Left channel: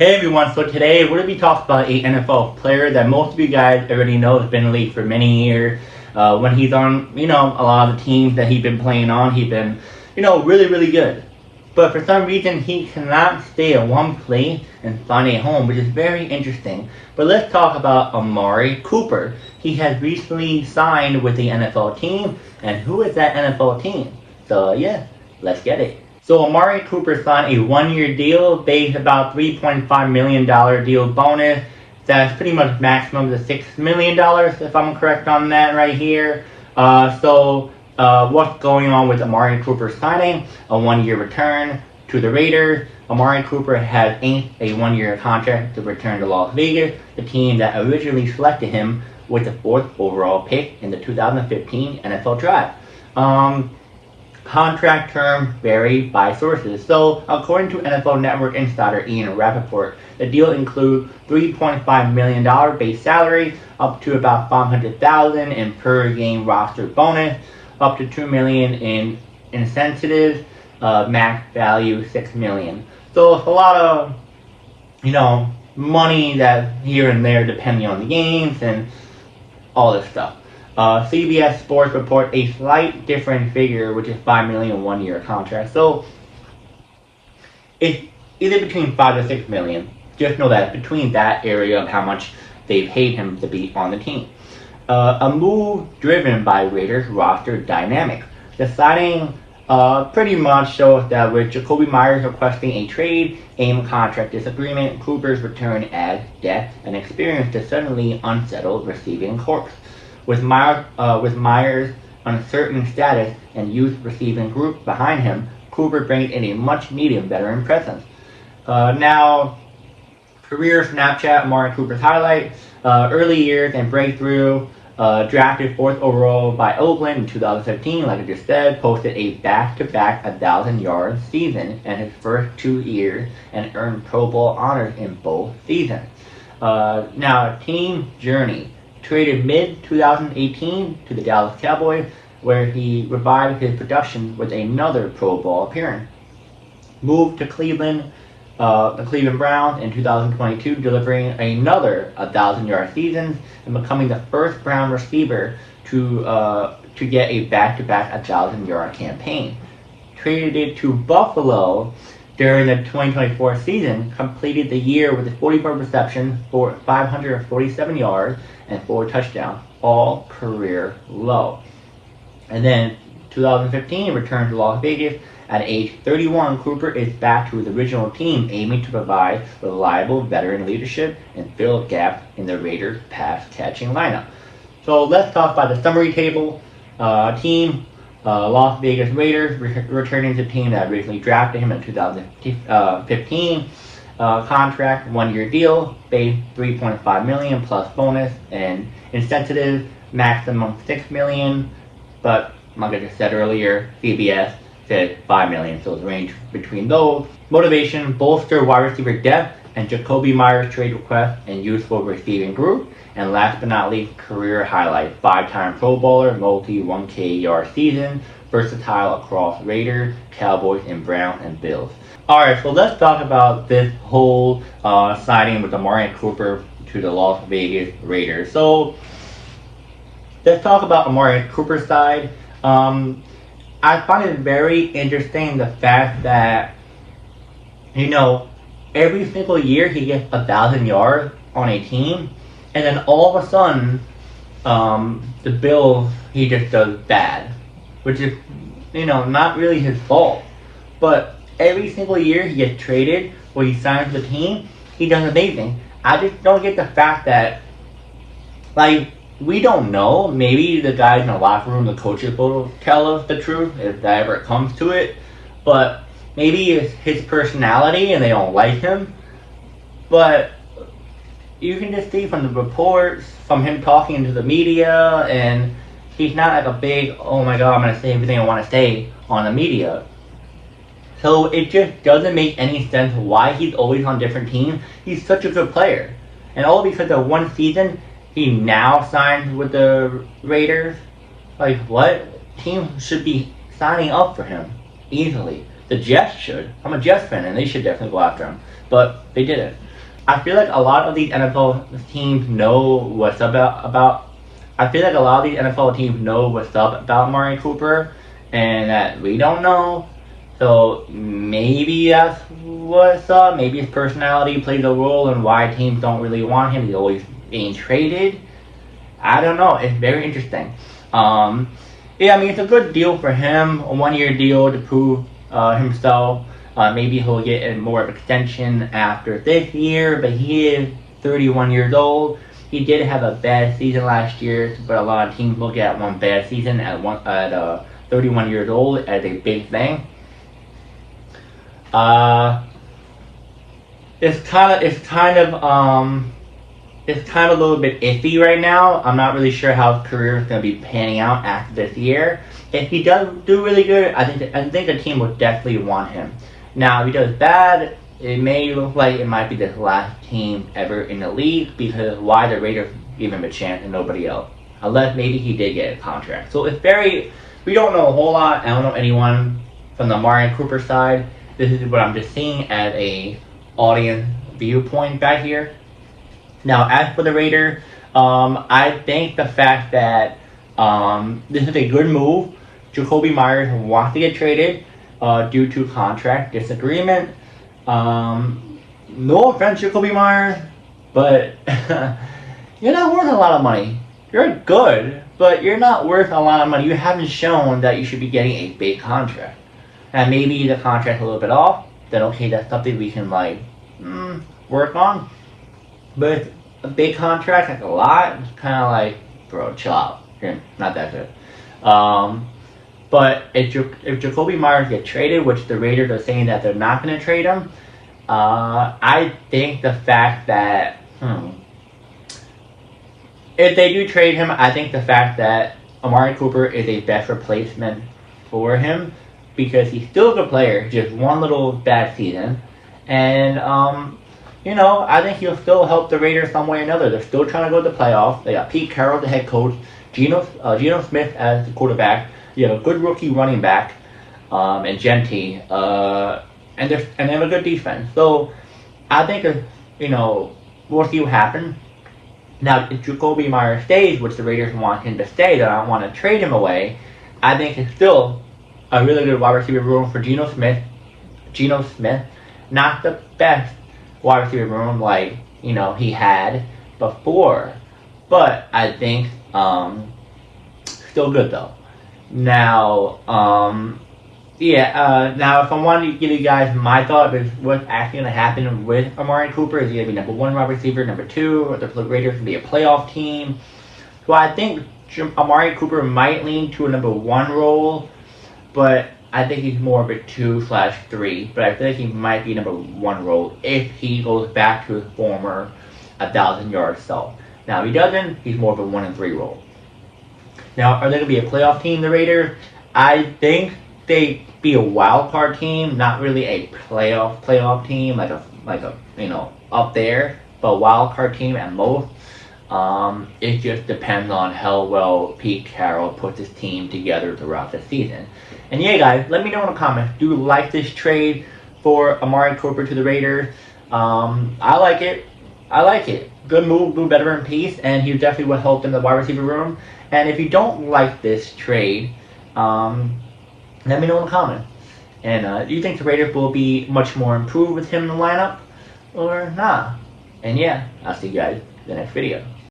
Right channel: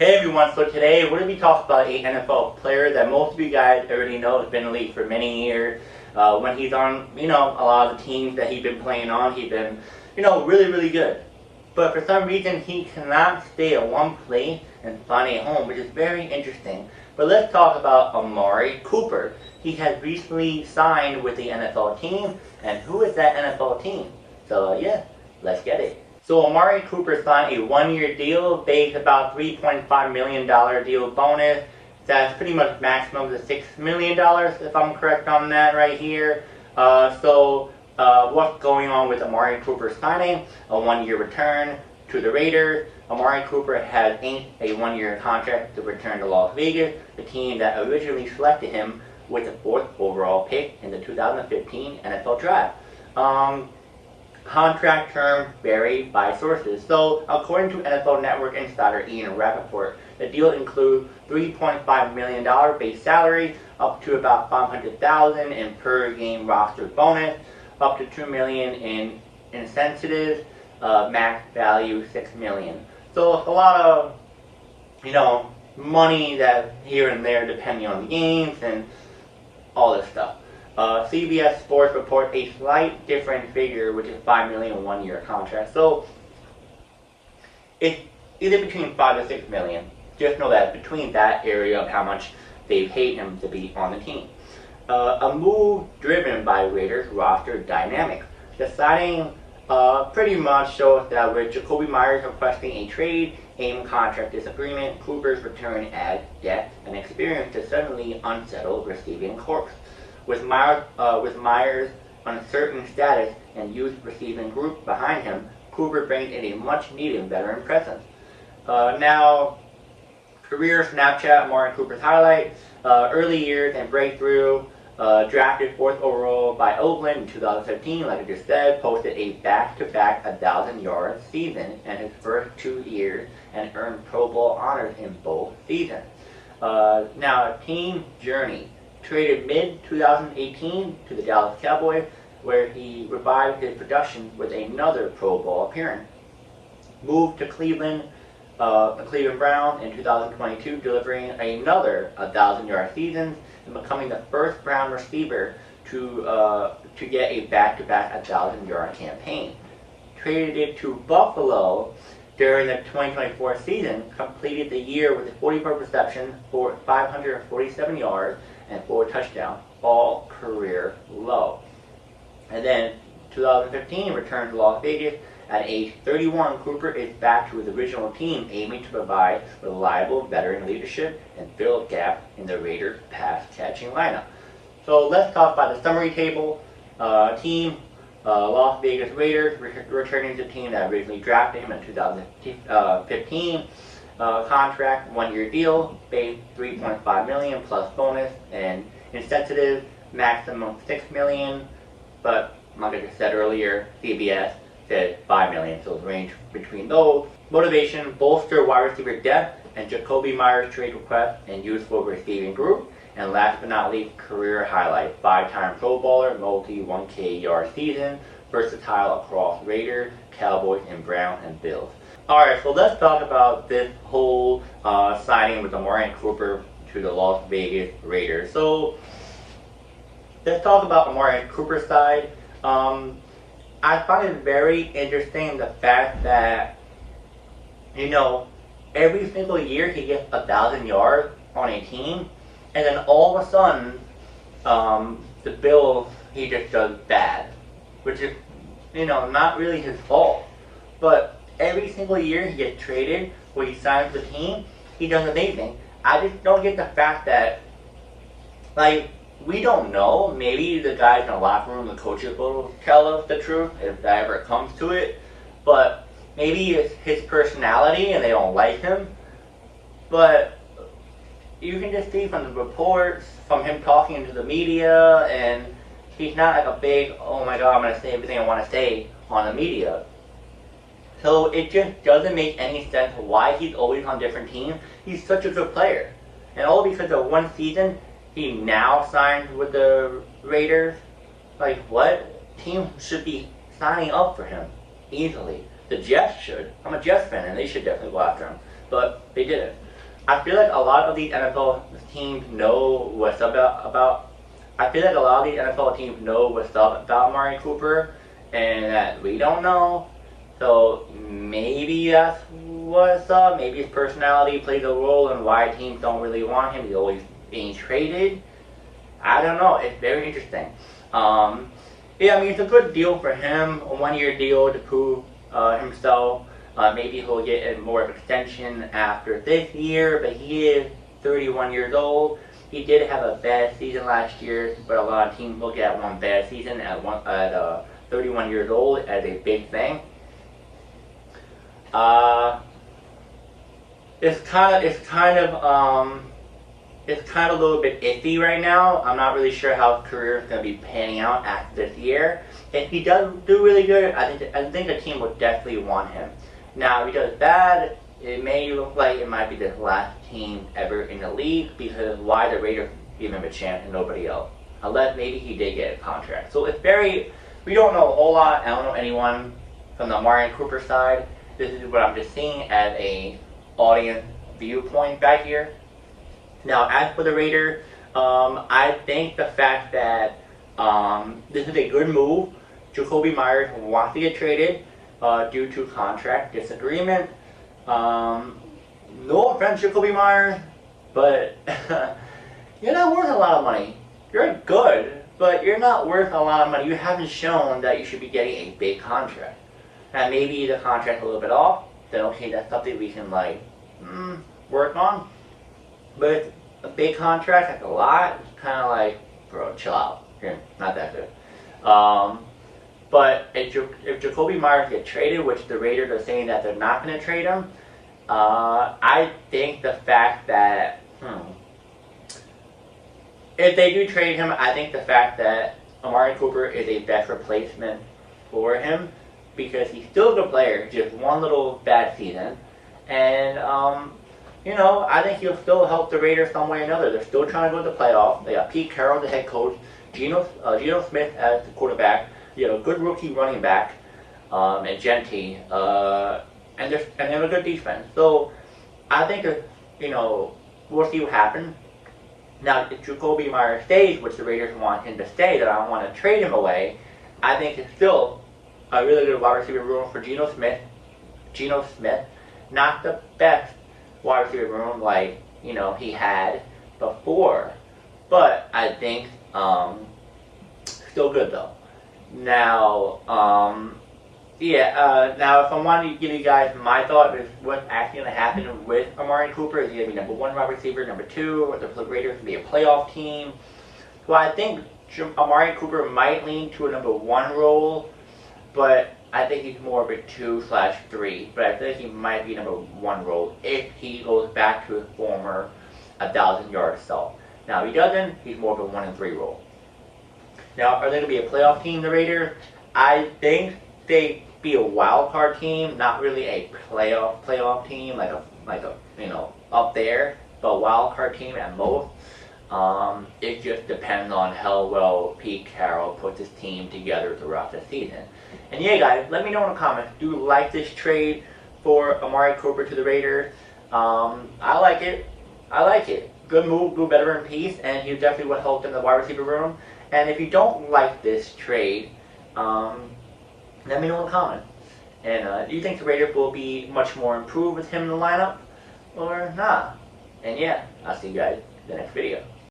Hey everyone, so today we're going to be talking about an NFL player that most of you guys already know has been in the league for many years. When he's on, a lot of the teams that he's been playing on, he's been, really, really good. But for some reason, he cannot stay at one place and find a home, which is very interesting. But let's talk about Amari Cooper. He has recently signed with the NFL team, and who is that NFL team? So yeah, let's get it. So Amari Cooper signed a one-year deal based about $3.5 million deal bonus. That's pretty much maximum of $6 million, if I'm correct on that right here. What's going on with Amari Cooper signing? A one-year return to the Raiders. Amari Cooper has inked a one-year contract to return to Las Vegas, the team that originally selected him with the 4th overall pick in the 2015 NFL Draft. Contract terms vary by sources. So, according to NFL Network insider Ian Rappaport, the deal includes $3.5 million base salary, up to about $500,000 in per game roster bonus, up to $2 million in incentives, max value $6 million. So it's a lot of, money that here and there depending on the games and all this stuff. CBS Sports report a slight different figure, which is $5 million one-year contract. So it's either between $5 to $6 million. Just know that between that area of how much they paid him to be on the team. A move driven by Raiders roster dynamics. The signing pretty much shows that with Jakobi Meyers requesting a trade, AIM contract disagreement, Cooper's return adds depth and experience to suddenly unsettled receiving corps. With Meyers' uncertain status and youth receiving group behind him, Cooper brings in a much-needed veteran presence. Now, career Snapchat, Amari Cooper's highlight, early years and breakthrough, drafted 4th overall by Oakland in 2015, like I just said, posted a back-to-back 1,000-yard season in his first 2 years and earned Pro Bowl honors in both seasons. Now, team journey. Traded mid-2018 to the Dallas Cowboys, where he revived his production with another Pro Bowl appearance. Moved to Cleveland, the Cleveland Browns in 2022, delivering another 1,000-yard season and becoming the first Brown receiver to get a back-to-back 1,000-yard campaign. Traded to Buffalo during the 2024 season, completed the year with a 44 receptions for 547 yards and 4 touchdowns, all career low. And then 2015, returned to Las Vegas. At age 31, Cooper is back to his original team, aiming to provide reliable veteran leadership and fill a gap in the Raiders' pass-catching lineup. So let's talk about the summary table. Team Las Vegas Raiders, returning to the team that originally drafted him in 2015. Contract, one-year deal, base $3.5 million plus bonus and incentive, maximum $6 million. But like I just said earlier, CBS said $5 million, so it's range between those. Motivation: bolster wide receiver depth and Jakobi Meyers trade request and useful receiving group. And last but not least, career highlight: 5-time Pro Bowler, multi 1K yard season, versatile across Raiders, Cowboys, and Browns and Bills. Alright, so let's talk about this whole signing with Amari Cooper to the Las Vegas Raiders. So let's talk about Amari Cooper's side. I find it very interesting the fact that, every single year he gets 1,000 yards on a team, and then all of a sudden, the Bills, he just does bad, which is, not really his fault. But every single year he gets traded, or he signs with the team, he does amazing. I just don't get the fact that, we don't know. Maybe the guys in the locker room, the coaches will tell us the truth if that ever comes to it. But maybe it's his personality and they don't like him. But you can just see from the reports, from him talking to the media, and he's not like a big, oh my god, I'm going to say everything I want to say on the media. So it just doesn't make any sense why he's always on different teams. He's such a good player. And all because of one season, he now signed with the Raiders. What? Team should be signing up for him easily. The Jets should. I'm a Jets fan, and they should definitely go after him. But they didn't. I feel like a lot of these NFL teams know what's about. I feel like a lot of these NFL teams know what's up about Amari Cooper, and that we don't know. So maybe that's what's up. Maybe his personality plays a role in why teams don't really want him. He's always being traded. I don't know. It's very interesting. Yeah, I mean, it's a good deal for him. A 1-year deal to prove himself. Maybe he'll get more of an extension after this year, but he is 31 years old. He did have a bad season last year, but a lot of teams look at one bad season at 31 years old as a big thing. It's kind of a little bit iffy right now. I'm not really sure how his career is going to be panning out after this year. If he does do really good, I think the team will definitely want him. Now, if he does bad, it may look like it might be the last team ever in the league, because why the Raiders give him a chance and nobody else? Unless maybe he did get a contract. So we don't know a whole lot. I don't know anyone from the Amari Cooper side. This is what I'm just seeing as a audience viewpoint back here. Now, as for the Raiders, I think the fact that this is a good move. Jakobi Meyers wants to get traded due to contract disagreement. No offense, Jakobi Meyers, but you're not worth a lot of money. You're good, but you're not worth a lot of money. You haven't shown that you should be getting a big contract. And maybe the contract's a little bit off, then okay, that's something we can work on. But if a big contract, like a lot, it's kind of like, bro, chill out. You're not that good. But if Jakobi Meyers gets traded, which the Raiders are saying that they're not going to trade him, I think the fact that, if they do trade him, I think the fact that Amari Cooper is a best replacement for him, because he's still a good player, just one little bad season. And, I think he'll still help the Raiders some way or another. They're still trying to go to the playoffs. They got Pete Carroll, the head coach, Geno Smith as the quarterback. You have a good rookie running back, and Genty, and they have a good defense. So I think we'll see what happens. Now, if Jakobi Meyers stays, which the Raiders want him to stay, they don't want to trade him away. I think it's still a really good wide receiver room for Geno Smith. Not the best wide receiver room like he had before, but I think still good though. Now, now if I wanted to give you guys my thought of what's actually going to happen with Amari Cooper, is he going to be number 1 wide receiver, number 2, or the Raiders going to be a playoff team? So I think Amari Cooper might lean to a number 1 role, but I think he's more of a 2/3, but I think he might be number 1 role if he goes back to his former 1,000-yard self. Now, if he doesn't, he's more of a 1 and 3 role. Now, are they going to be a playoff team, the Raiders? I think they'd be a wild card team, not really a playoff team, like a up there, but a wild card team at most. It just depends on how well Pete Carroll puts his team together throughout the season. And yeah, guys, let me know in the comments. Do you like this trade for Amari Cooper to the Raiders? I like it. Good move, do better in peace, and he definitely would help in the wide receiver room. And if you don't like this trade, let me know in the comments. And do you think the Raiders will be much more improved with him in the lineup, or not? And yeah, I'll see you guys in the next video.